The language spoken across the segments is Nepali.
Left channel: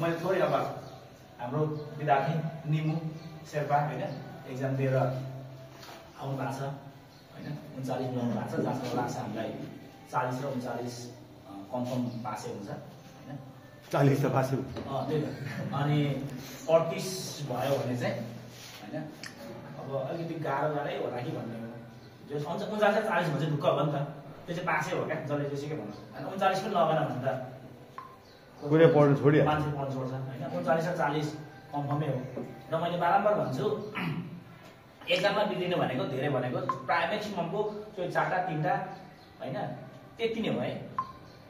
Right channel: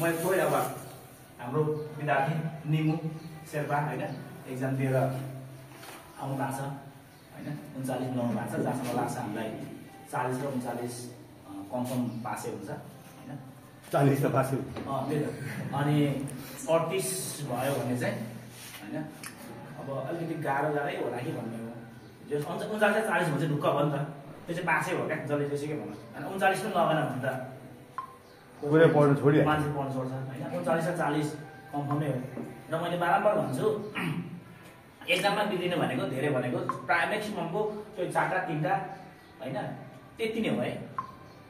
मैले थोरै अब हाम्रो विद्यार्थी निमु शेर्पा होइन एक्जाम दिएर आउनु भएको छ होइन 39 ल्याउनु भएको छ, जहाँसम्म लाग्छ हामीलाई 40 र 39 कन्फर्म पासै हुन्छ होइन। 40 त पासै अनि 38 भयो भने चाहिँ होइन अब अलिकति गाह्रै होला कि भन्ने हो। जो 39 40 भने चाहिँ ढुक्क भयो नि त, त्यो चाहिँ पासै हो क्या, जसले त्यसै के भन्नु होइन। 39 पनि लगेन भने त पुरै पढ्नु थोडी मान्छे पढ्नु छोड्छ होइन। 39 र 40 कन्फर्मै हो। र मैले बारम्बार भन्छु एक्जाममा बिग्रिनु भनेको धेरै भनेको प्राय म्याक्सिममको त्यो 4टा 3टा होइन त्यति नै हो है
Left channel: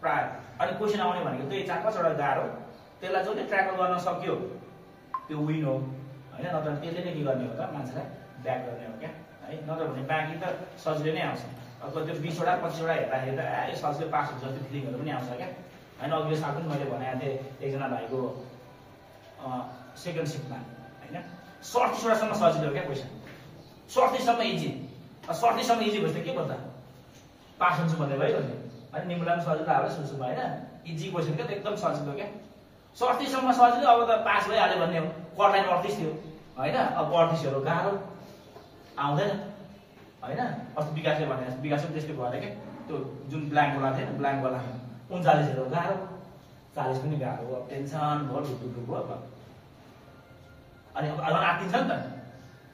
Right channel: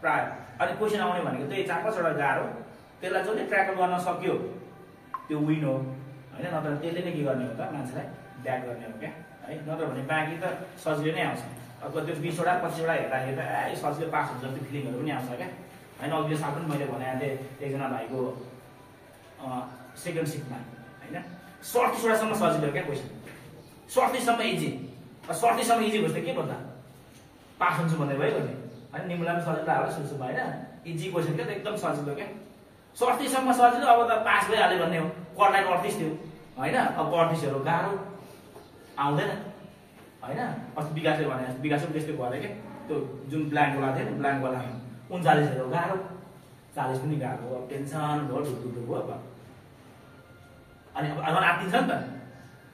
प्राय। अनि क्वेसन आउने भनेको त्यो 4-5वटा गाह्रो, त्यसलाई जसले ट्र्याकल गर्न सक्यो त्यो विन हो होइन। नत्र त्यसले नै के गर्ने हो त मान्छेलाई ब्याक गर्ने हो क्या है। नत्र भने बाँकी त सजिलो नै आउँछ। अब त्यो 20वटा 25वटा हेर्दाखेरि त सजिलो पास हुन्छ जस्तो फिलिङहरू पनि आउँछ क्या होइन। अघि यो साल पनि मैले भनेको थिएँ एकजना भाइको सेकेन्ड सिटमा होइन 37वटासम्म सजिलो क्या क्वेसन, 37सम्म इजी। 37सम्म इजी भएपछि के भन्दा पास हुन्छु भन्दै भयो भने होइन। निम्नलाई पनि सजिलो होला सुसुमा होइन, इजी क्वेसन क्या त एकदम सजिलो क्या। 37सम्म सजिलो, अब त पास भइहाल्यो भन्ने हो। कटलाइन 38 थियो होइन, अब 38हरू गाह्रो आउँदैन होइन। अस्ति विकासले भने विकास पनि त्यस्तै भयो क्या, त्यो जुन ब्ल्याङ्कवाला थियो नि ब्ल्याङ्कवाला 39हरू गाह्रो, 40 पनि गाह्रो, अब टेन्सन भयो ढुकढुक भयो। अनि अब आत्तिन्छ नि त,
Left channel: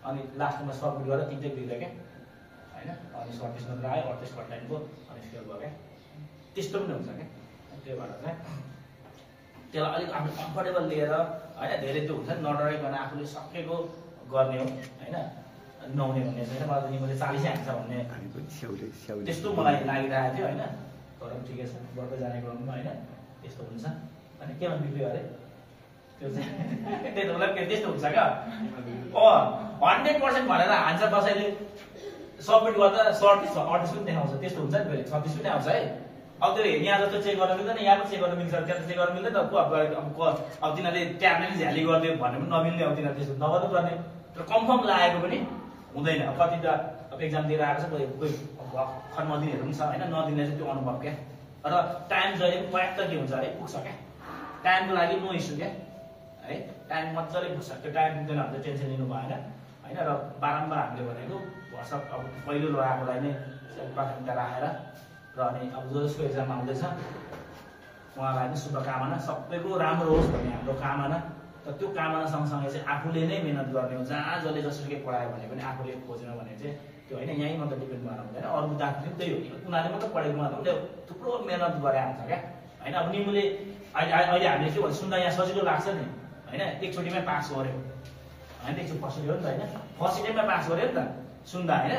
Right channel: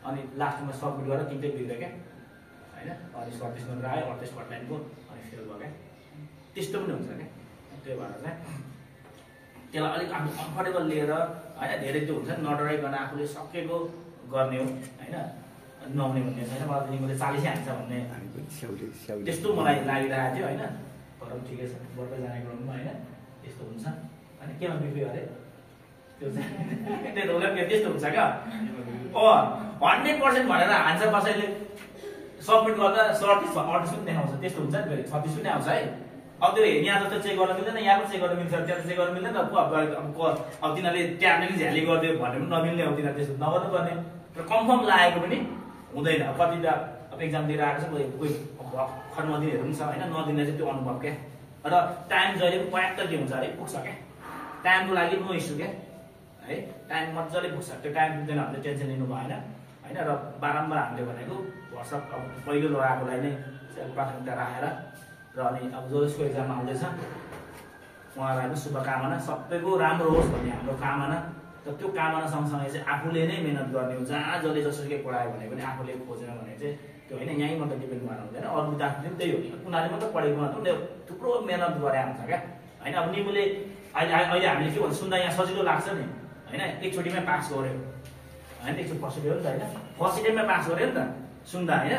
अनि लास्टमा सबमिट गरेर 3टै बिग्रियो क्या होइन। अनि 37 मात्र आयो, 38 कटलाइनको अनि फेल भयो क्या। त्यस्तो पनि हुन्छ क्या। त्यही भएर चाहिँ त्यसलाई अलिक आफ्नो कम्फर्टेबल लिएर होइन, धेरै त्यो हुन्छ नि नडराइकन आफूले सकेको गर्ने हो होइन। नहुने भन्ने छैन, मलाई निमले 40 हान्छ भन्ने त्यस्तो मलाई लागिरहेको थियो होइन। तर ठिकै छ, बढ्दै जाने क्रममा होइन त्यस्तो हुन्छ होइन। केमा बिग्रियो अरे त्यो चाहिँ त्यही त उसलाई त्यस्तो हुन्छ क्या। 100% भनेर हान्छ कसैले, सबमिट गर्दा 38 पनि देखाउँछ, त्यस्तो हुन्छ नि। फेरि 36 पनि आउँछ है। अब त्यो यहाँ जस्तो चेक गर्न मिल्दैन, यहाँ पनि चेक गर्न मिल्छ, त्यहाँ चेक गर्न मिल्दैन। अब तिनीहरूले ट्याब्ले झ्याली गरिदियो भने पनि नमिल्ने, अब तिनीहरू त्यस्तो नगर्नु पर्ने। तर कन्फर्म लागेको पनि हुँदैन। अब कतिवटा अब एक्जाम दिएर आएको छ, कोही भर्खर नदिनेहरू पनि छ होइन। नदिने चाहिँ त्यो अनुभव क्या। र टाइम जहिले पनि पर्याप्त के हुन्छ अरे पुग्छ क्या, टाइमको लागि नो इस्यु क्या है। टाइम मजाले पुग्छ, त्यो टाइम पुग्दैन भने टेन्सन लिनु भएन होइन। र बारम्बार हामीले भनेको भर्सक अब पहिलो लगाएकोलाई नै प्राथमिकता राखेर र अनि अब जसको एक्जाम आउँदैछ उहाँलाई पनि शुभकामना, सबैको राम्रो होस् भन्ने हाम्रो कामना। र त्यो कामना सँगसँगै चाहिँ आफूले नै मेहनत गर्ने हो। जहाँ जसले जसरी पढायो भने पनि आफूले खोजेन भने चाहिँ त्यो होइन, यहीँ मात्रै डिपेन्ड गर्न हुँदैन। अरू विद्यार्थी पनि त्यही हो कि उनीहरूले मात्रै पढेको मात्र उसले थुप्रो मेहनत गरे हुन्छ क्या होइन। अब निमुले अहिले हामीले के भन्छ सुन्दा यहाँ सजिलो लाग्छ नि होइन, एकचोटिमै पास गर्यो होइन। एकचोटि फर्स्ट हो नि त होइन, फर्स्ट टाइममा पास गर्यो नि त सुन्दा होइन।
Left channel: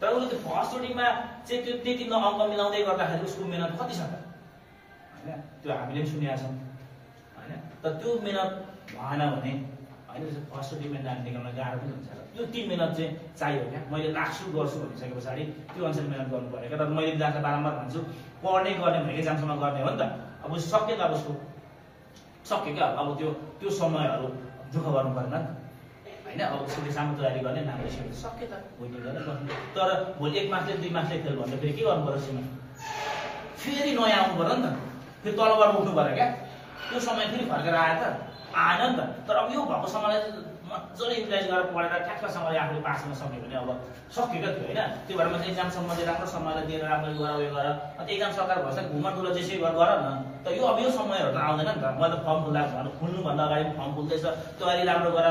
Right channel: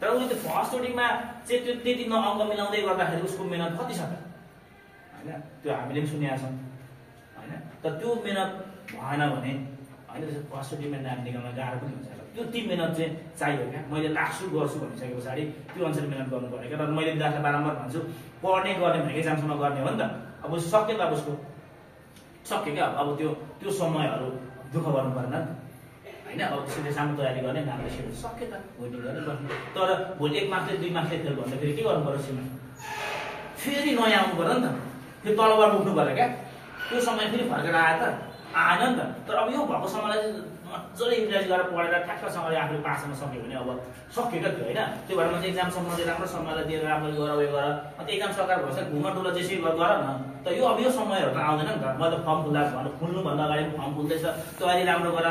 तर उसले त्यो फर्स्टचोटिमा चाहिँ त्यो त्यति अङ्क मिलाउँदै गर्दाखेरि उसको मेहनत कति छ त होइन। त्यो हामीले पनि सुनेका छौँ होइन। तर त्यो मेहनत भएन भने होइन फर्स्टचोटिमा नाम निकाल्न गाह्रो पनि हुन्छ। त्यो ती मेहनत चाहिँ चाहियो क्या। मैले लास्ट गर्छु भनिसके पछाडि त्यो अनुसार मेहनत गर्नु पऱ्यो क्या। तर मैले विद्यार्थीलाई बारम्बार भन्छु पढ्ने गर्ने भने एक्जामसम्म गर्ने हो नि त। अब सक्यो त अब उसको सक्यो क्या। अब त्यो समयहरू दुःख गर्नु परेन नि त होइन। अब सिधै सामु तयारी गर्ने नामले सिक्नु सक्यो त भोलि गरेर गर्नु। तर भोलि 1 मार्क्सले 2 मार्क्सले फेल भन्दाखेरि के गर्नु पर्यो सीमा, फेरि नयाँ आउनु पऱ्यो नि त, फेरि तलबाट उठ्नु पऱ्यो क्या। त्यो समय फेरि फर्केर आयो त आएन नि त। तर अब यो भएको समयलाई मजाले युटिलाइज गरेर पढेर ठ्याक्कसँगले आफूले पास गर्न सक्यो भने अब सक्यो क्या त्यो होइन। त्यो भएर मैले एक्जामसम्म चाहिँ राम्रो समयलाई दिएर राम्रो गर उयो गर। अन्त एक्जाम सकाएर भन्छ घुम्न डुल्न जेसै गर न। त यो अब यो समयहरू त आउँदैन नि त। मैले फर्म खुल्नुभन्दा अगाडि फर्म खुल्दैछ, तयारी राम्रो गर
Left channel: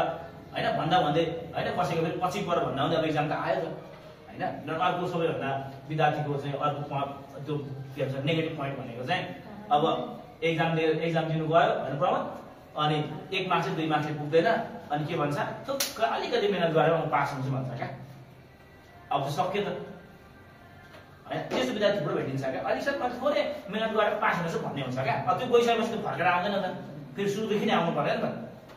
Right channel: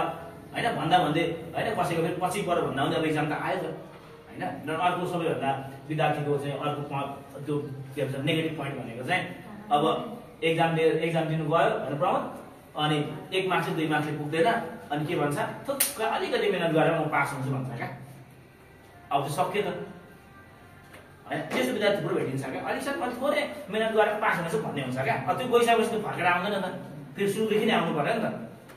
होइन भन्दा भन्दै होइन। कसैको फेरि पछि पऱ्यो भन्दा पनि अब एक्जाम त आयो त होइन। अर्को सबैभन्दा विद्यार्थीको चाहिँ अर्को त्यो के भन्छ नेगेटिभ पोइन्ट भनेको चाहिँ अब एक्जाम दिनु गयो होइन प्रमोद, अनि 1 मार्क्स 2 मार्क्सले पुग्दैन, अनि के भन्छ थुक्क अलिकति मेहनत गरेर म पास हुन्छु भन्छ क्या। अब त सक्यो त होइन। त्यस्तो विद्यार्थी थुप्रो भेटिन्छ क्या। अलिकति थोरै मेहनत गरेर पास हुनेछु भन्ने हुन्छ क्या। त्यो गइसकेपछि फर्केर आउँदैन त, फेरि सुरुदेखि नै आउनु पर्यो नि त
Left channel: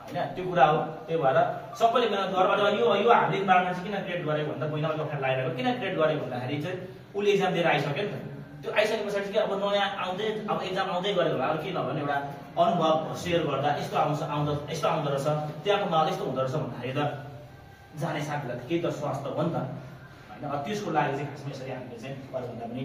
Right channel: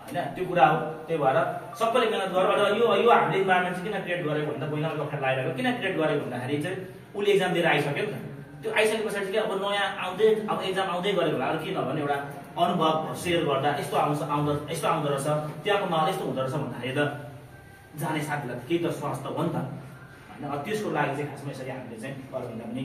होइन। त्यो कुरा हो। त्यही भएर सबैले मेहनत गरेर यो हामीले इन्भाइरोमेन्ट चाहिँ किन क्रिएट गरेको भन्दा कोही नभए कक्षा लगाइरहेको किन क्रिएट गरेको भन्दाखेरि चाहिँ उसले एक्जाम दिएर आइसक्यो नि त। त्यो आइसके पछाडि चाहिँ अब नयाँ आउँदै अब एक्जाम आउँदै गरेको होला। अरू के नभने एउटा अनुभव सेयर गर्दा यस्तो यस्तो आउँदो रहेछ, त्यहाँको माहौल यस्तो हुँदो रहेछ भन्दाखेरि त जाने साथीलाई केही त स्वास्थ्य हो नि त होइन। त्यसको लागि चाहिँ खासमा यसरी हामीले चाहिँ अरूभन्दा पनि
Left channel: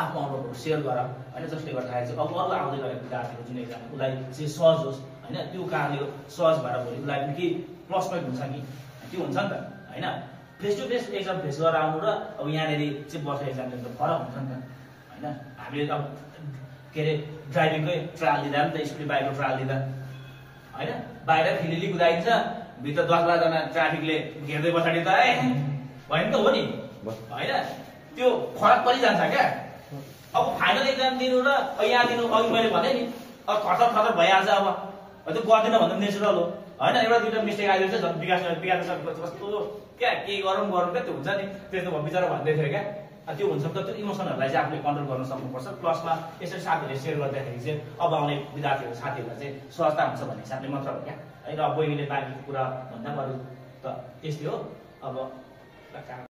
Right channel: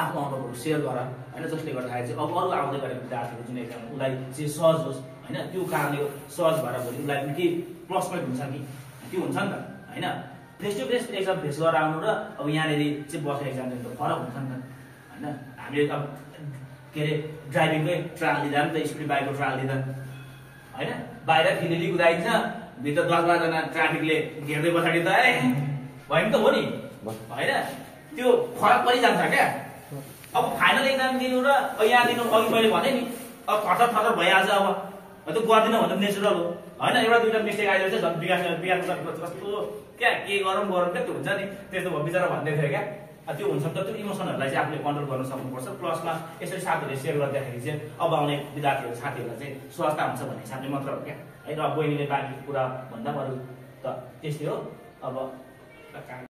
आफ्नो अनुभवहरू सेयर गर होइन, जसले गर्दाखेरि चाहिँ अब अरू आउँदै गरेको विद्यार्थीको जुन एक्जाम उसलाई चाहिँ सहज होस् होइन, त्यो कारणले सहज भएर भोलि उसलाई पनि केही प्लस पोइन्ट हुन्छ कि त्यो हुन्छ नि त होइन। Face to face exam face गरेर आउनु र अब यहाँनिर चाहिँ बसेर एक्जाम दिनु त फरक हुन्छ नि त होइन। हामीले अब के अरे ड्राइभिङकै ट्रायल लिँदा नि त, स्कुटी बाइकको ट्रायल लिँदा होइन, बाहिर फिलिली कुदाइन्छ, भित्र 10-12 जना ट्राफिकले घेर्दै पछाडि त भयो नि त, हो नि होइन, त्यो फरक परिजान्छ क्या। अब फाइनल एक्जाम दिनु र यहाँ दिनु, अघि मैले भनेँ नि अब थर भइहाल्छ। अब त्यो गर्दिनँ भन्दा नेचुरल हो होइन, एउटा दुइटा मिस्टेक आइदियो चाहिँ झन् विकास कस्तो क्या के गरौँ क्या त्यो हुन्छ नि, त्यस्तो बिचरा भन्दै थियो क्या। त्यो हुन्छ नि त, त्यो इमोसनहरूलाई चाहिँ आफूले कन्ट्रोल गर्न सक्नुपर्छ। प्लसमा यसरी साथीहरूले सेयर गर्दाखेरि चाहिँ अब आउने विद्यार्थीहरू साथीहरूलाई चाहिँ सहजता हुन्छ भन्ने हिसाबले मात्र हो क्या है। र बहिनीले बाँकी कुरा भन्दा अरू त त्यस्तै हो अब।